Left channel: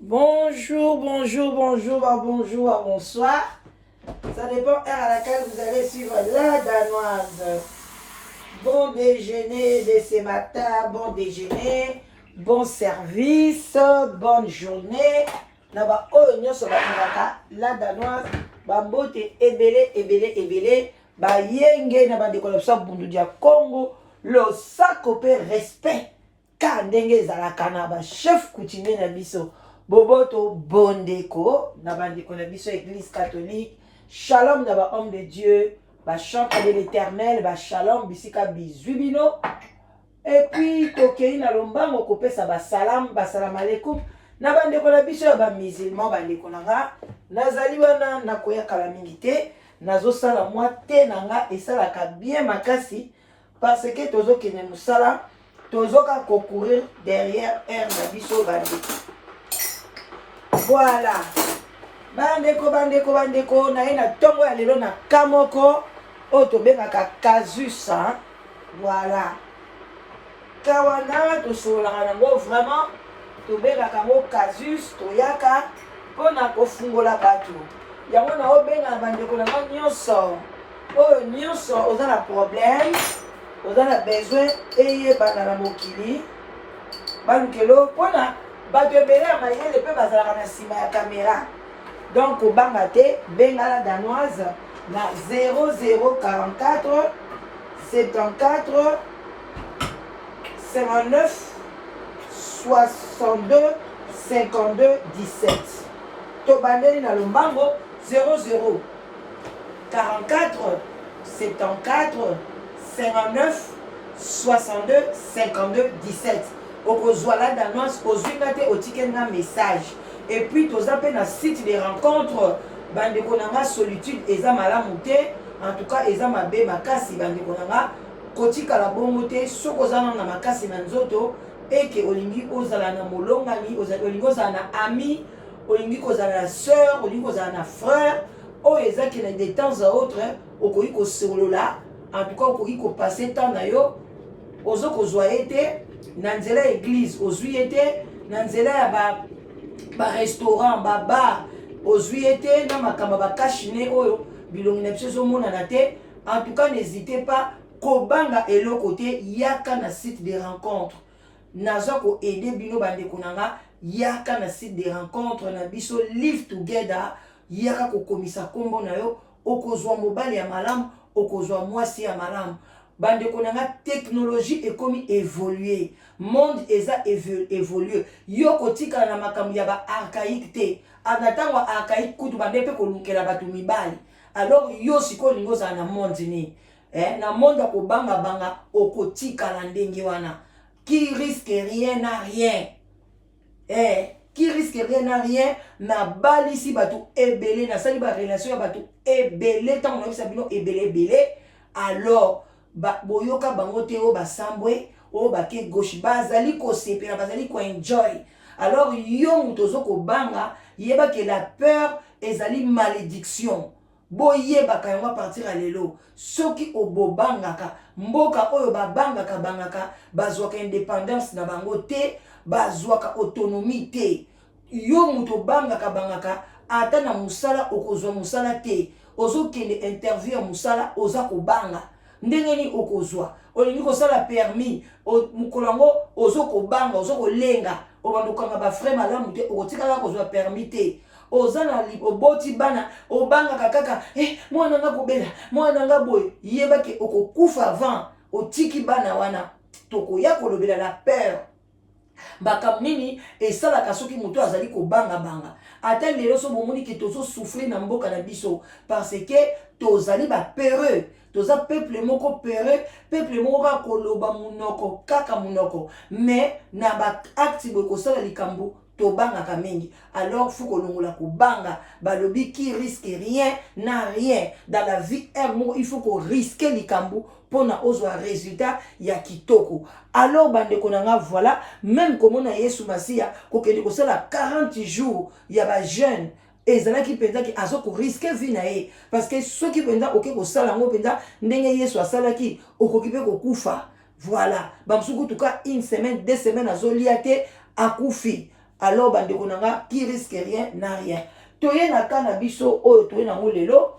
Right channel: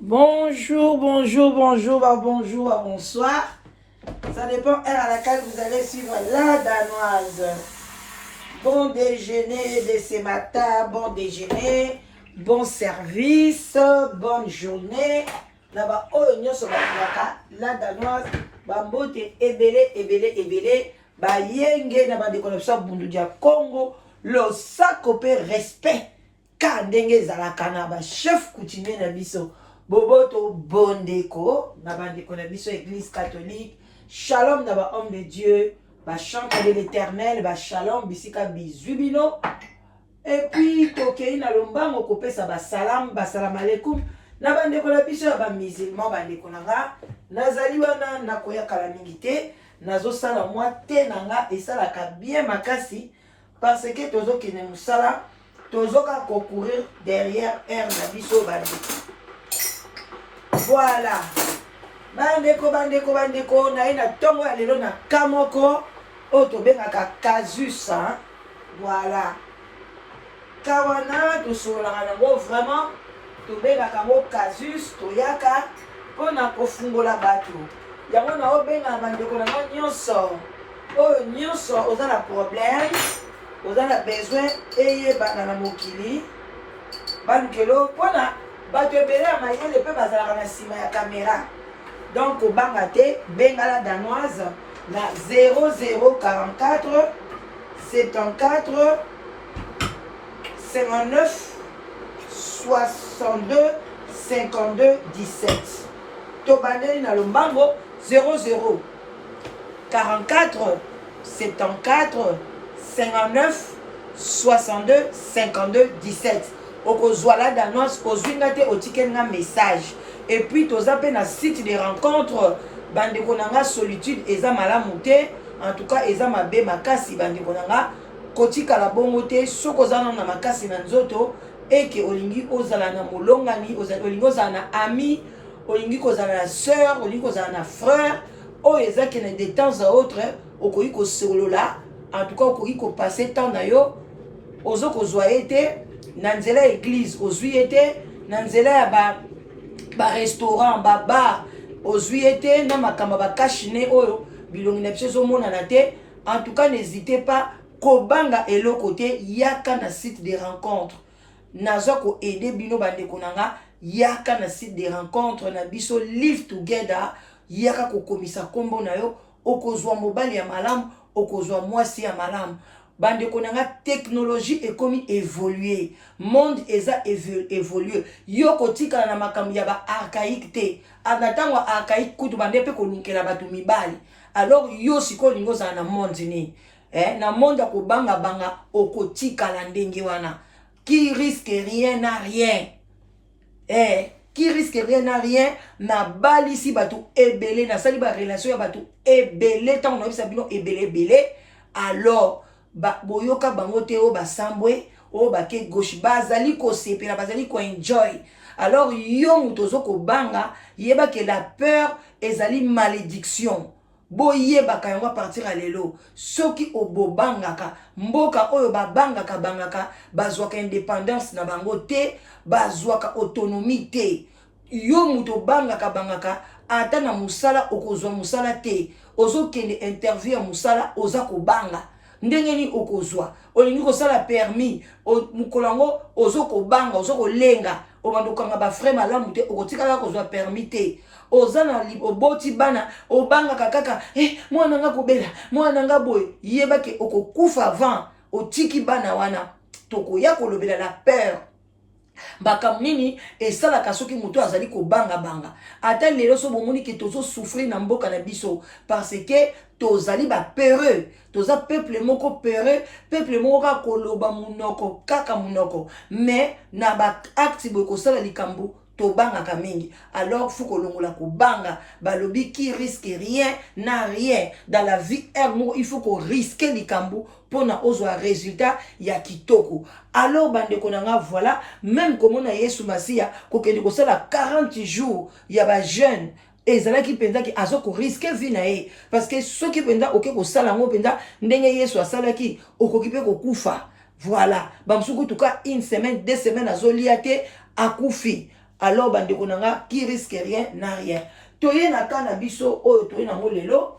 Bonjour, bonjour, bonjour, bonjour, bonsoir. Ça dépend heure à laquelle vous allez suivre la danoise. Bon déjeuner de ce matin, bon déjeuner, bon service, bonne journée. Là-bas, la danoise, bambote ebele, ebele, ebele, bayenge na ba décoration bundu dia Congo, le sacope respect. Car ndenge ezalaka na ba chef coutumier na biso. Boboto bondeko na bandeko na biso église catholique. Shalom na ba homme de Dieu. Ba chante de l'éternel, ba shalom bisika bizubino. Et puis tokei na lombango kopesa ba salam alaikum. Na bandeko na biso ba musulman bandeko na nga. Nazali wana na koyaka la mingi te. Nazo sala mwa te na nga esalaka bien makasi parce que tozo kene musala. Tozoka concourir derrière air na biso bandeko. Voilà. Bandeko na ina tongo ya lelo na kamoko oto bengaka casus hein. Voilà. Kawana to solaka nango vraiment to bengaka ngo casus toyaka pona kofungola bato. Yango na obenga bandeko na nyonso. Oyo nyonso oza na problème. Vous avez besoin de banana mokili bankelo pona bato ebele ya mayele pe bazalaka na nsima ya caméra. Donc obanga te benga la danoise na 0044 74 59 62 52 17. To bandeli na lombango 00 44 74 59 62 52 17. Okozwa la danoise ozwinga te otikenga message. Et puis toza pe na site de rencontre bandeko nanga solitude eza malamu te. En tout cas eza mabe makasi bandeko nanga kotika la bongo te soko zana na makasi na nzoto eke olingi ozala na molongani olingi ozala na ami olingi kozala na sœur olingi kozala na frère oyo ezaki na de temps à autre okoki kosolola. En tout cas, okoki ko passer temps na yo ozo kozwa ete na nzela église ozwi ete na nzela ya ba restaurant ba bar ozwi ete na makamba ba kashine oyo bilongi na biso mona na te. En tout cas, n'hésitez pas kobanga eloko te yaka na site de rencontre. Nazo ko aider bino bandeko nanga yaka na site de rencontre na biso live together yaka ko komisa kombo na yo okozwa mobali ya malamu okozwa mwasi ya malamu. Bandeko nanga technologie ekomi évoluer. Monde eza évoluer. Yo kotika na makambo ya ba archaïque te. Anatango archaïque kutu bande pe kolunkela batu mibali. Alors yo siko lingo za na monde ni. Na monde ya kobanga banga okotika la ndenge wana. Qui risque rien n'a rien. Qui risque rien n'a rien na bali si batu ebele na sali ba relation ya batu ebele tant on a bino ebele alors boyoka bango te o basambwe o bake gauche bazali ko sepela bazali ko enjoy. Alors yo mutozo ko banga yeba que la peur ezali malédiction boyebaka yango partir à lelo soki obobangaka mboka oyo bangaka bazwaka indépendance na bango te bazwaka autonomie te. Yo muto bangaka ata na musala okozwa musala te ozokende interview ya musala oza kobanga ndenge ni okozwa olingi kosala permis mukolango ozokobanga ozokolenga obandokanga ba frais malamu te okotikala kozwa permis te. Ozana oboti bana obanga kaka mwana nga kobela mwana nga boy yeba ke okokufa avant otiki bana wana tokoya kolobela la peur bakam nini esalaka soki moto azali kobanga ata lelo so bomoni ke tozo souffrir na mboka na biso parce que tozali ba peureux toza peuple moko peureux peuple moko ka koloba munoko kaka munoko mais na ba acte boy kosala likambo tobangaka mingi. Alors faut kolongola kobanga balobi qui risque rien n'a rien dans la vie. Il faut qu'on risque likambo pona ozwa résultat ya kitoko. Alors bandeko nanga voilà même comme on a Yesu Masia kokende kosala 40 jours ya ba jeune ezalaki penza ki azoko risque vie na ye parce que soki penza oke kosala ngo penza ndenge Yesu asalaki okoki pe kokufa. Voilà bamsuku tuka une semaine 2 semaines azolia te akufi. alors bandeko nanga qui risque rien n'a rien. Toye na kana biso oyo toye nango lelo.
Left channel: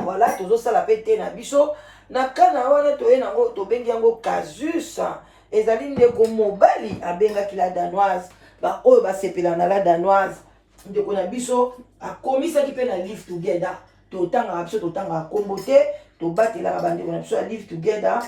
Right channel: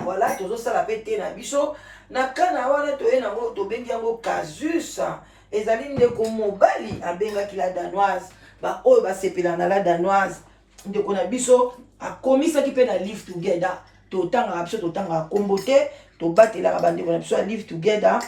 Voilà, tozo sala pete na biso. Na kana wana toye nango tobengi yango casus. Ezali ndeko mobali abengaki la danoise. Ba oyo basepela na la danoise. Ndeko na biso akomisaki pe na live together. Totanga biso totanga kombo te, tobatela bandeko na biso live together.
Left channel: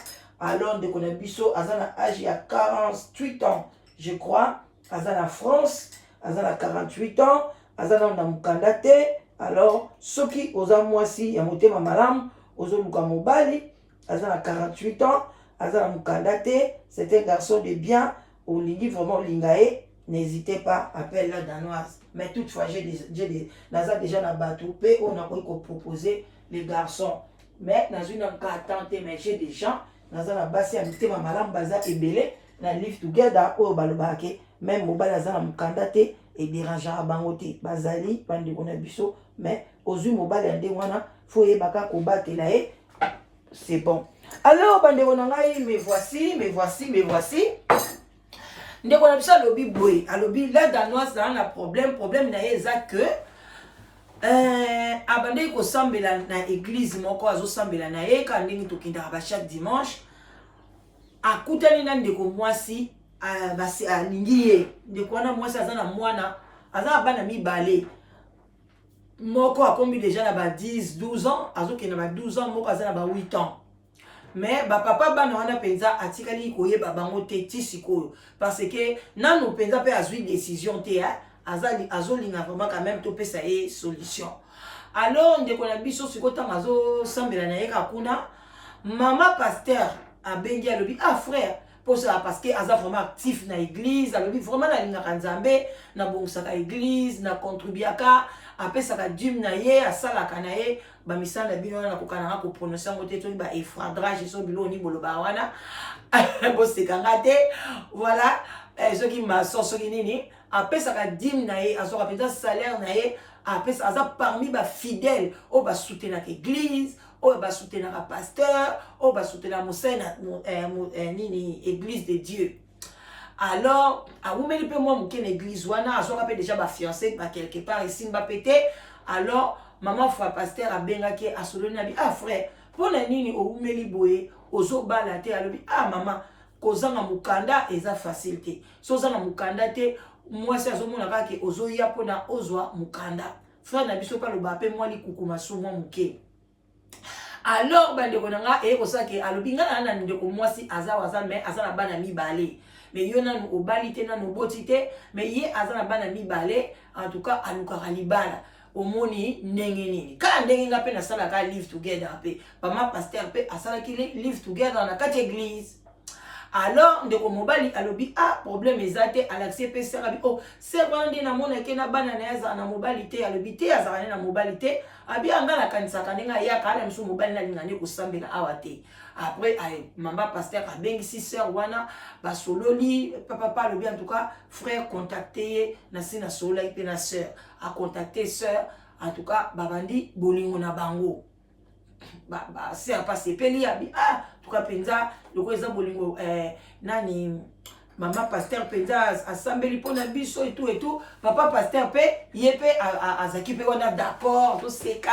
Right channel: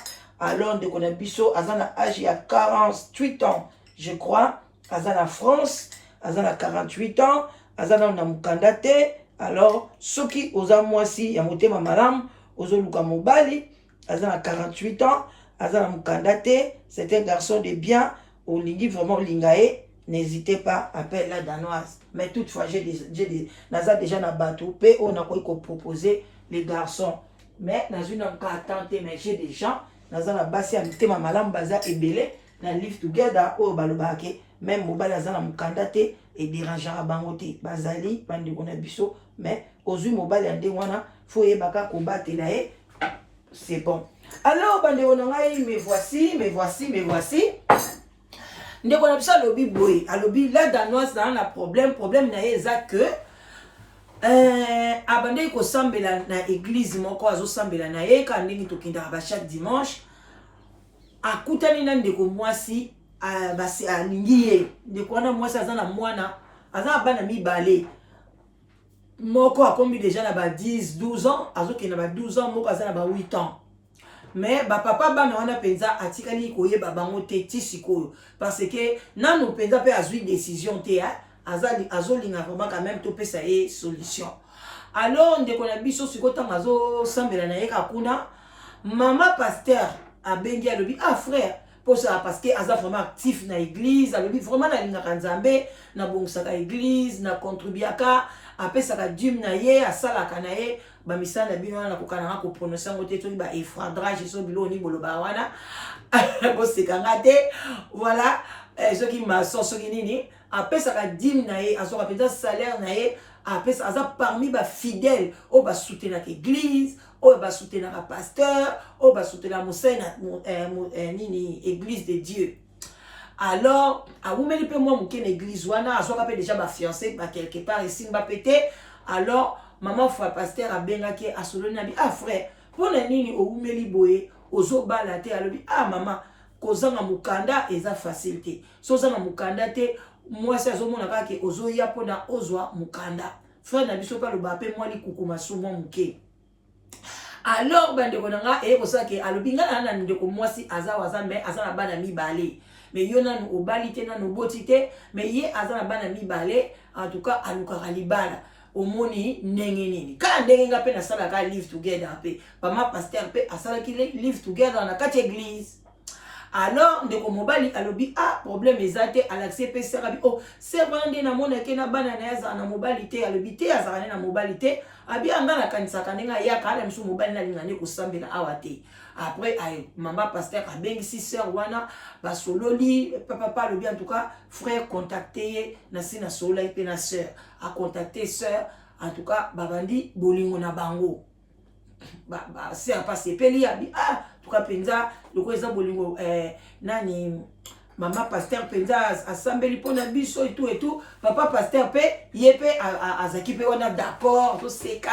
Alors ndeko na biso azana âge ya 48 ans, je crois. Azana France, azana 48 ans, azana na mukanda te. Alors soki oza mwasi ya motema malamu, ozoluka mobali, azana 48 ans, azana mukanda te, c'est un garçon de bien, olingi vraiment lingae, n'hésitez pas, appelle la danoise. Mais toutefois, naza déjà na bateau, pe on a quoi proposer les garçons. Mais dans une attente, mais j'ai des gens, naza na basi ya motema malamu baza ebele, na live together, o balobake, même mobali azana mukanda te, et dérangera bangote, bazali, bandeko na biso, mais ozui mobali ya ndenge wana, faut yebaka kobatela ye, c'est bon. Alors, bandeko na ngai, me voici. Ndeko na biso alobi boye, alobi la danoise na problème na ye eza que abandeki kosambela na église moko azosambela na ye ka ndenge tokendaka ba chaque dimanche, akutani na ndeko mwasi basi alingi ye. Ndeko wana mwasi aza na mwana, aza na bana mibale. Moko akombi déjà na ba 10-12 ans, azokenda ba 12 ans, moko aza na ba 8 ans. Mais papa bana wana penza atikali koyeba bango te ti sikoyo parce que nanu penza pe azui décision te azolinga vraiment quand même to pesa ye solution. Alors ndeko na biso sikota mazo sambela na ye kakuna mama pasteur abengi alobi frère pour ça parce que aza vraiment actif na église, alobi vraiment na linga kanzambe na bongusaka église na contribuaka apesaka dîme na ye asalaka na ye bamisala bino na kokana ko prononcer ngo te to ba efradrage so bilo ni boloba wana bo sekanga te. Voilà, soki maçon soki nini apesaka dîme na ye azoka penza salaire na ye apesa aza parmi ba fidèles o ba soutenir l'église o ba soutenir un pasteur o ba soutenir mosena nini église de Dieu. Alors aumeli pe moi muke na église wana azoka pe déjà ba fiancé ba quelque part ici mba pété. Alors maman foi pasteur abengaki asoloni na bi frère pona nini oumeli boye ozobala te alobi maman kozanga mukanda eza facilité so zanga mukanda te mwasi azomona kaka ozoya pona ozwa mukanda frère na biso pa loba pe mwali kukuma sumo muke. Alors bandeko nanga kosake alobi ngana na ndeko mwasi aza mais aza na bana mibale mais yo nanu obali te nanu boti te mais ye aza na bana mibale en tout cas alukaka libala omoni ndenge nini kala ndenge nga pe nasalaka live together pe mama pasteur pe asalaki live together na kati église. Alors ndeko mobali alobi problème ezate alaxé pe serabi ser wana nde namonaki na bana na yaza na mobali te alobi te azaka na mobali te abi anga na kanisaka ndenge ayaka ala misu mobali na linga ne kosambela awa te. Après mama pasteur abengisi sœur wana basololi papa alobi en tout cas frère contacté na sina solola pe na sœur a contacté sœur en tout cas babandi bolingo na bango sœur pas sepeli abi tout cas penza loko eza bolingo nani mama pasteur penza asambeli pona biso et tout papa pasteur pe yepe azaki pe wana d'accord to seka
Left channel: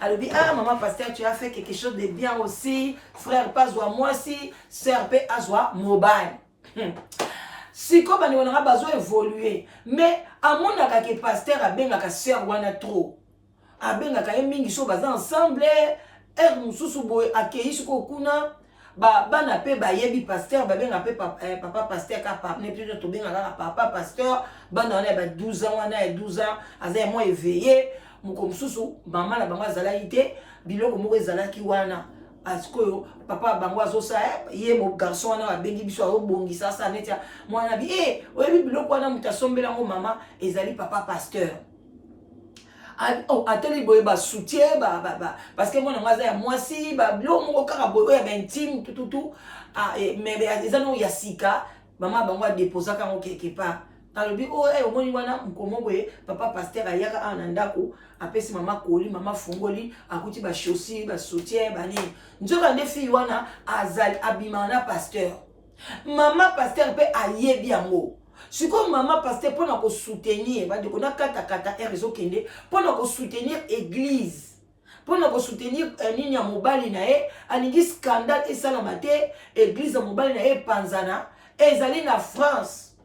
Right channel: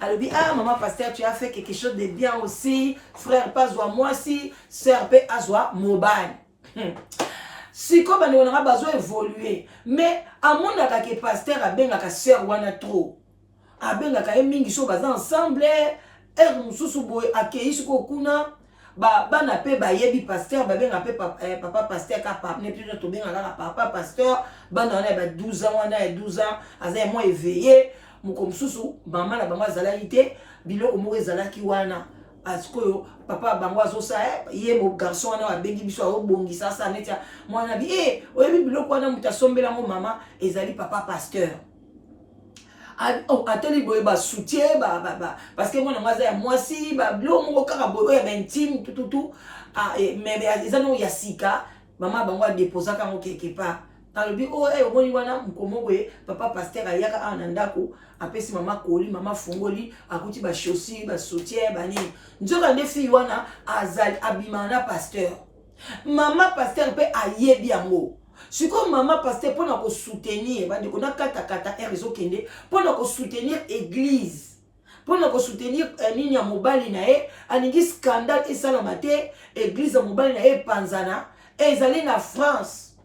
alobi maman pasteur tu as fait quelque chose de bien aussi frère pas zwa moi si sœur pe azwa mobile. Siko bande wana bazo évoluer mais amonaka ke pasteur abengaka sœur wana trop abengaka mingi so baza ensemble mususu boy akei siko kuna bana pe bayebi pasteur babenga pe papa pasteur ka papa ne plus to benga ka papa pasteur bana wana ba 12 ans wana 12 ans aza moi éveillé muko mususu mama na bango azalaki te biloko moko ezalaki wana parce que papa bango azosa ye mo garçon wana abengi biso obongisa sa netia mwana bi oyebi biloko wana mutasombela ngo mama ezali papa pasteur. Ateli boye ba soutien parce que moi naza ya mwasi ba bilo moko kaka boye ya intime tout mais eza no ya sika mama bango a déposer kango quelque part alobi omoni wana mkomo boye papa pasteur ayaka na ndako apesi mama koli mama fungoli akuti ba chaussures ba soutien ba nini nzoka nde fille wana azali abima na pasteur mama pasteur pe ayebi yango Si comme maman pasteur pour nous soutenir, on a kata réseau kende pour nous soutenir église. Pour nous soutenir nini ya mobali na e aningi scandale et salamate église ya mobali na e panzana et ils na France.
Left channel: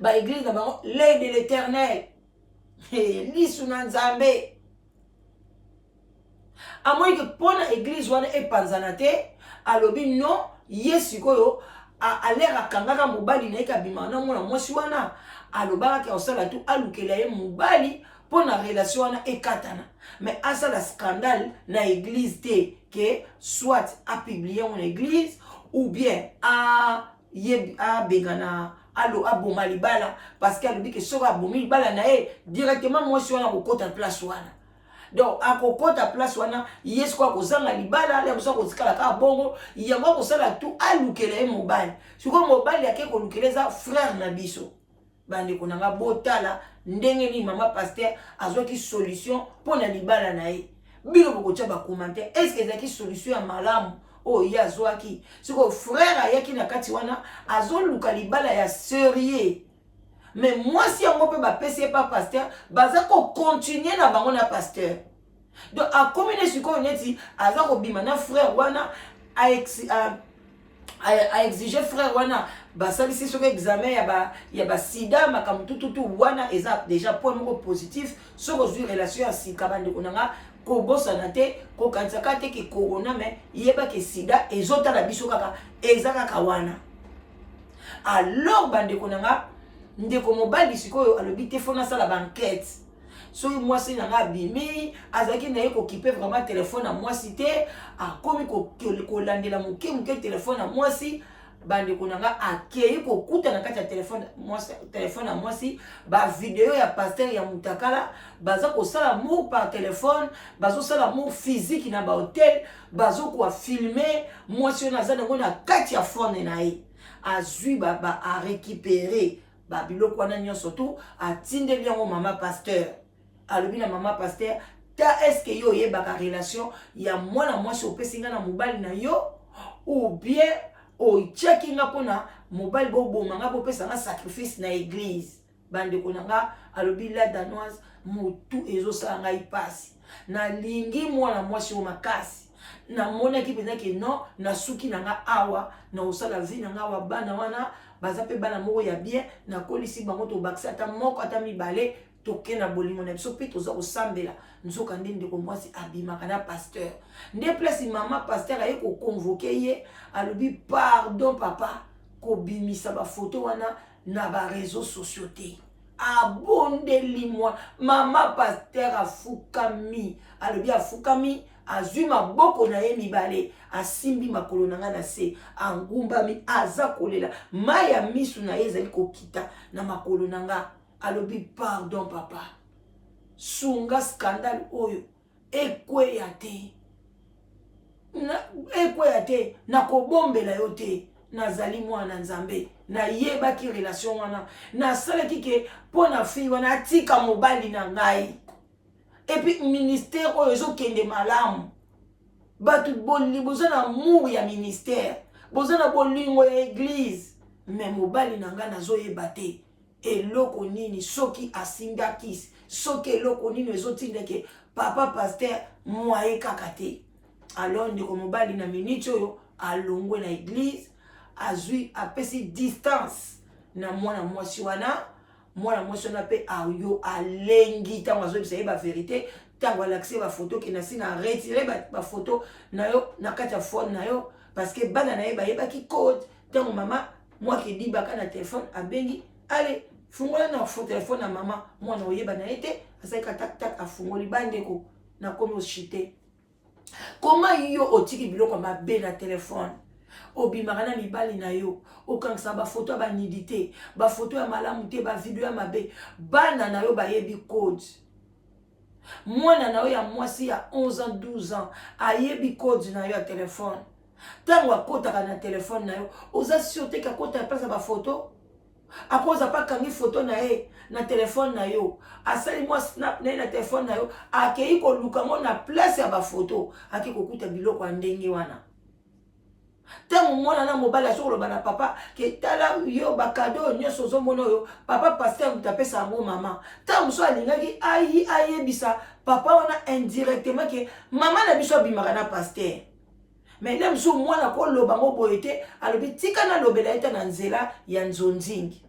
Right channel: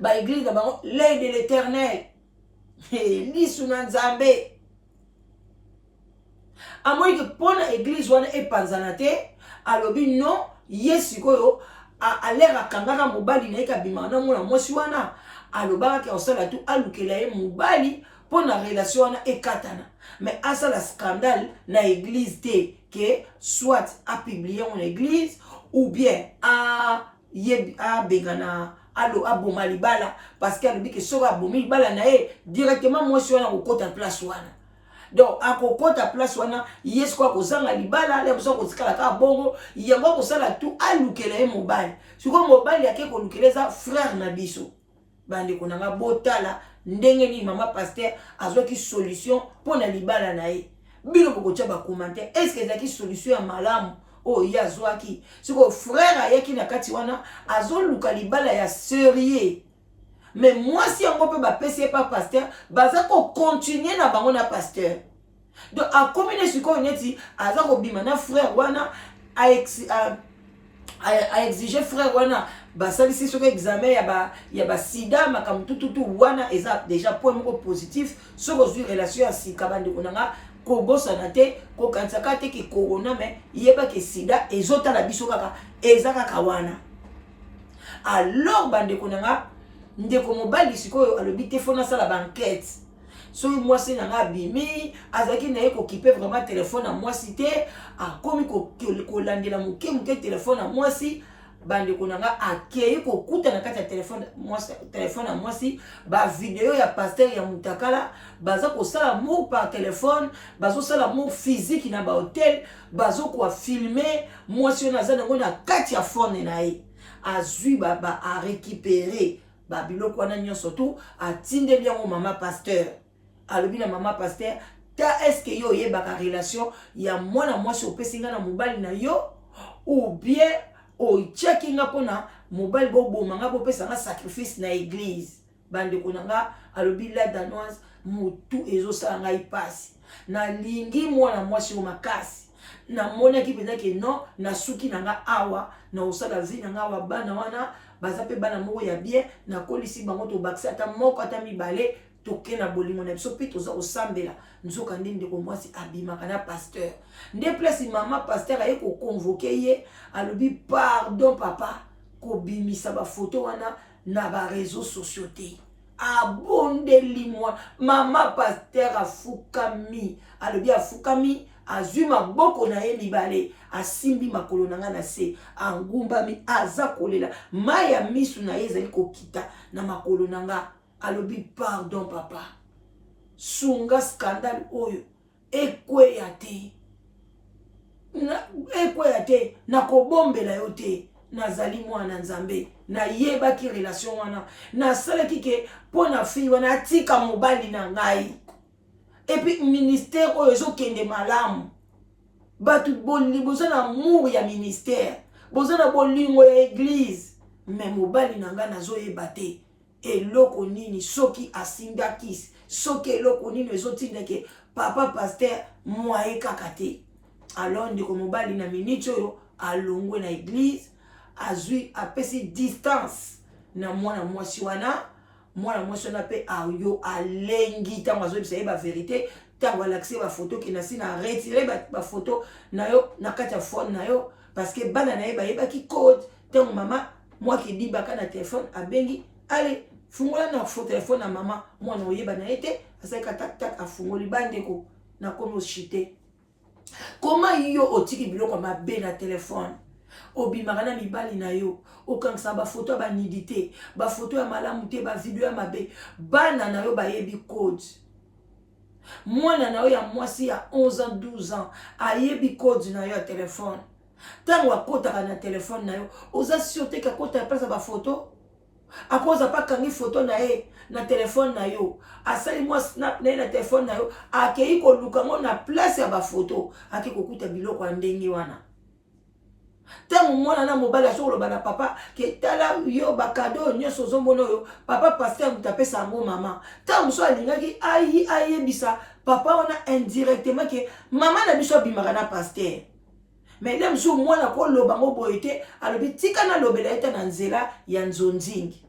Ba église na bango l'œil de l'Éternel. Lisu na Nzambe. Amoyi que pour na église wana e panzana te alobi non yesu koyo a l'air akangaka mobali na eka bimana mona mwasi wana alobaka ke osala tu alukela ye mobali pour la relation wana ekatana mais asa la scandale na église te que soit a publier en église ou bien a begana alo aboma libala parce qu'elle dit que sera abomi libala na e directement mwasi wana ko kota place wana. Donc à kokota place wana yes quoi kozanga libala le so kotikala ka bongo yango kosala tout alukela ye mobali siko mobali yake ko lukeleza frère na biso bande konanga botala ndenge ni mama pasteur azwaki solution pour na libala na ye bino bokotia ba commenter est-ce que ezaki solution ya malamu o ya azwaki siko frère ayaki na kati wana azoluka libala ya sérieux. Mais moi, si on peut pas passer par pasteur, baza ko continuer na bango na pasteur. Donc à combiner sur quoi on est dit, aza ko bimana frère wana a exiger frère wana ba salisi sur examen ya ba sida makam tout wana eza déjà point positif sur une relation à sika bande konanga ko bossa na te ko kansaka te ki corona mais yeba ke sida ezota na biso kaka ezaka kawana. Alors bande konanga ndeko mobali sikoyo alobi te fona sala banquette so moi c'est nanga bimi azaki na ye ko kipe vraiment téléphone à moi cité a komi ko landela muke téléphone à moi si bande konanga akei ko kuta na kati ya téléphone à moi si ba vidéo ya pasteur ya mutakala baza ko sala mot par téléphone bazo sala mot physique na ba hôtel bazo ko filmer moi si na zana ngona kati ya phone na ye azui ba a récupérer babilo kwa na surtout atinde bien mama pasteur alobi na mama pasteur ta est-ce que yo yebaka relation ya mwana mwasi opesinga na mobali na yo ou bien o checkinga pona mobali bo bomanga bo pesa nga sacrifice na église bande konanga alobi la danoise mutu ezo sala ngai pasi na lingi mwana mwasi o makasi na mona ki peza ke non na suki nanga awa na osala vie nanga awa bana wana baza pe bana moko ya bien na kolisi bango to bakisa ata moko ata mibale toke na bolingo na biso pe toza osambela nzoka nde ndeko mwasi abimaka na pasteur nde place mama pasteur aye ko convoquer ye alobi pardon papa ko bimisa ba photo wana na ba réseaux sociaux te abondeli mwa mama pasteur afukami alobi afukami azwi maboko na ye mibale asimbi makolo nanga na se angumbami aza kolela maya misu na ye ezali kokita na makolo nanga alobi pardon papa sunga scandale oyo ekweya te na kobombela yo te nazali mwana Nzambe na yebaki relation wana nasalaki ke mpo na fille wana atika mobali na ngai. Et puis ministère oyo ezokende malamu batu boza na amour ya ministère boza na bolingo ya église mais mobali nanga nazoyeba te eloko nini soki asinga kisi soki eloko nini ezotindeke papa pasteur mwaye kaka te. Alors ndeko mobali na minute oyo alongwe na église azwi apesi distance na mwana mwasi wana mwana mwasi na pe ayo alengi tango azobisa ye ba vérité tango alaxé ba photo ki na si na retirer ba photo na yo na kati ya phone na yo parce que bana na ye ba yeba ki code tango mama moi ki di baka na téléphone abengi allez fungola na photo téléphone na mama mwana oyeba na ete asaka tak tak afungoli bandeko na komi oshite. Comment yo otiki biloko mabe na téléphone obimaka na mibali na yo okangisa ba photo ba nudité ba photo ya malamu te ba video ya mabe bana na yo bayebi code mwana na yo ya mwasi ya 11 ans 12 ans ayebi code na yo ya téléphone tango akotaka na téléphone na yo oza sûreté ka kota place ba photo akoza pa kangi photo na ye na téléphone na yo asali mwa snap na téléphone na yo akei ko luka ngo na place ya ba photo akiko kuta biloko ya ndenge wana Tant mwana na mobala sur le bana papa ke tala yo ba cadeau nyoso zomono yo papa pasteur mutape sa mo maman tant muso alingaki ayi bisa papa wana indirectement ke maman na biso bimaka na pasteur mais nem so mwana ko loba ngo boyete alobi tika na lobela eta na nzela ya nzonzingi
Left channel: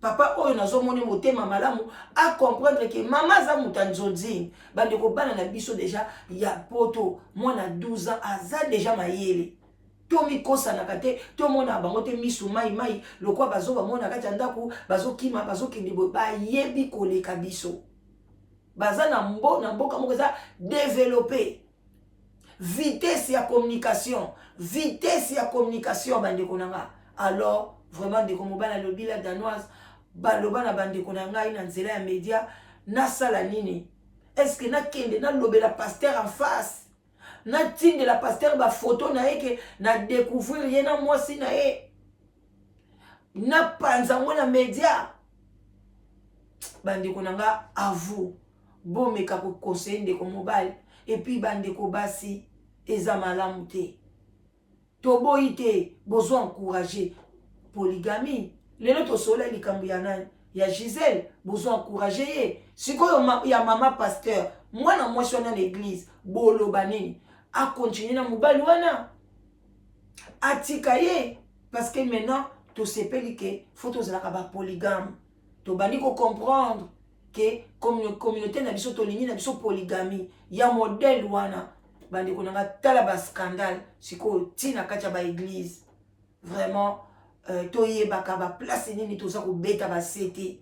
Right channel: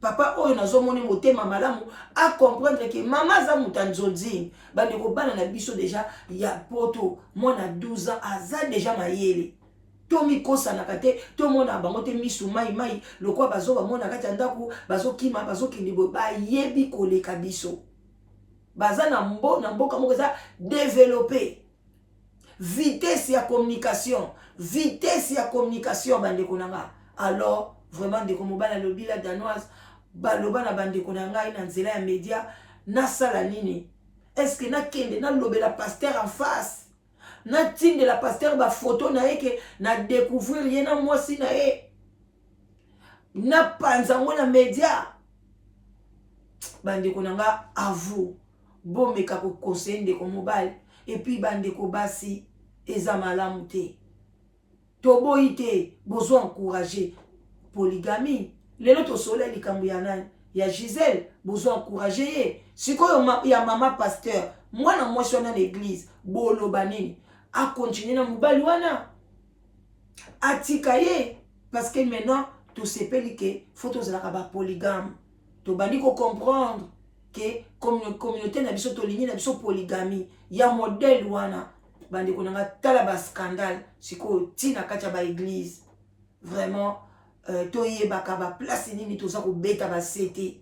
papa oyo nazomoni motema malamu a comprendre que maman za muta nzonzingi bande ko bana na biso déjà ya poto mwana 12 ans aza déjà mayele Tomi kosa na kate, to mona bango te misu mai, lokwa bazo ba mona kati andaku, bazo kima, bazo kindibo, ba yebi koleka biso. Baza na mboka moko za développer. Vitesse ya communication bande konanga. Alors, vraiment de komobana lobila danoise, baloba na bande konanga ina nzela ya média, na sala nini. Est-ce que na kende na lobela pasteur en face? Na tinde la pasteur ba photo na eke na découvrir yena mwasi na e na panza mwana media bande konanga à vous bomeka ko conseiller ndeko mobile et puis bande ko basi eza malamu te toboyi te besoin encourager polygamie lelo to sola likambo ya nani ya Gisèle besoin encourager ye sikoyo ya mama pasteur mwana mwasi na l'église boloba nini a continuer na mobali wana atika ye parce que maintenant to sepeli ke faut tozalaka ba polygame to bandi ko comprendre que communauté na biso to lingi na biso polygamie ya modèle wana bandi ko nga tala ba scandale siko tina kacha ba église vraiment to yebaka ba place nini to sa ko beta ba sete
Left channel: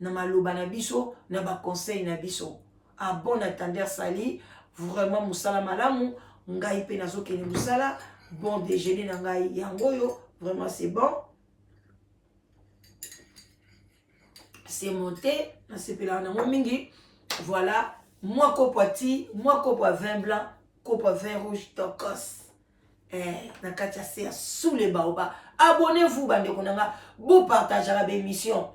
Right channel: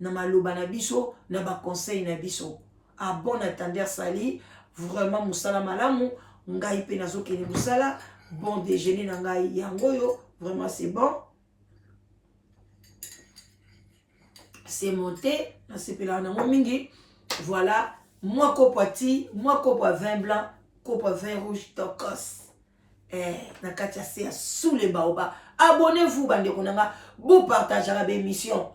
na maloba na biso na ba conseil na biso a bon attendeur sali vraiment musala malamu ngai pe nazokeni musala bon déjeuner na ngai yango yo vraiment c'est bon c'est monté na sepela na mingi voilà moi kopati moi kopo vin blanc kopo vin rouge tokos na katia c'est sous les baobas abonnez-vous bande konanga vous partagez la émission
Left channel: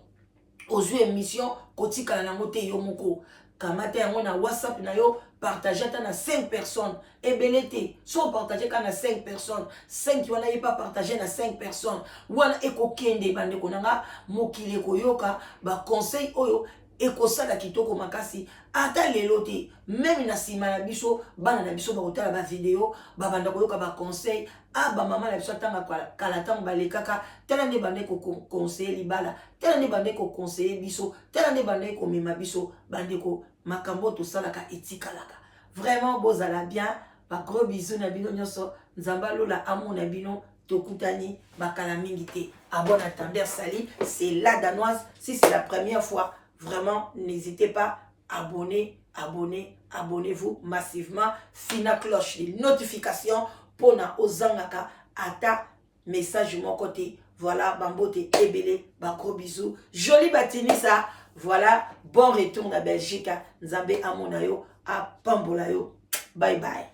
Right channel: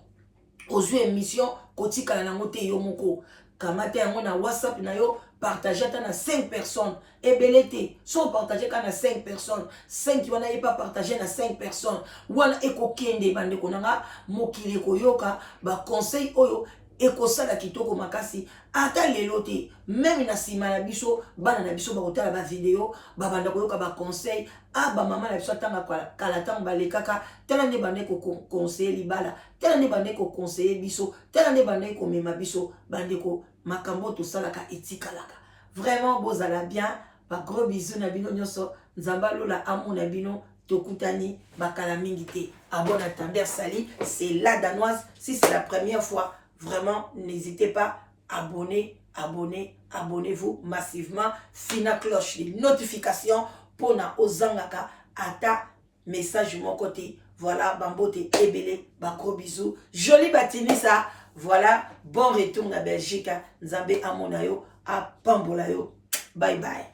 aux émissions kotika na ngote yo moko kamate yango na WhatsApp na yo partager na 5 personnes et belete so partager kana 5 personnes 5 qui wana pas partager na 5 personnes wana eko kende bande konanga mokile koyoka ba conseil oyo eko sala kitoko makasi ata lelote même na sima na biso bana na biso ba kotala ba vidéo ba banda koyoka ba conseil a ba mama na biso tanga kala tanga balekaka tala nde bande ko conseil libala tala nde bande ko conseiller biso tala nde bande ko mema biso bande ko makambo to salaka etikalaka vraiment bozala bien ba gros bisous na bino nyoso nzamba lola amour na bino tokutani bakala mingi te abonne à Tender Sali c'est la danoise si c'est la première fois vraiment n'hésitez pas abonnez-vous massivement fina cloche les notifications pour na ozangaka ata message mon côté voilà bambote ebele ba gros bisous joli batini ça voilà bon retour na Belgique nzambe amonayo a pambola yo bye bye.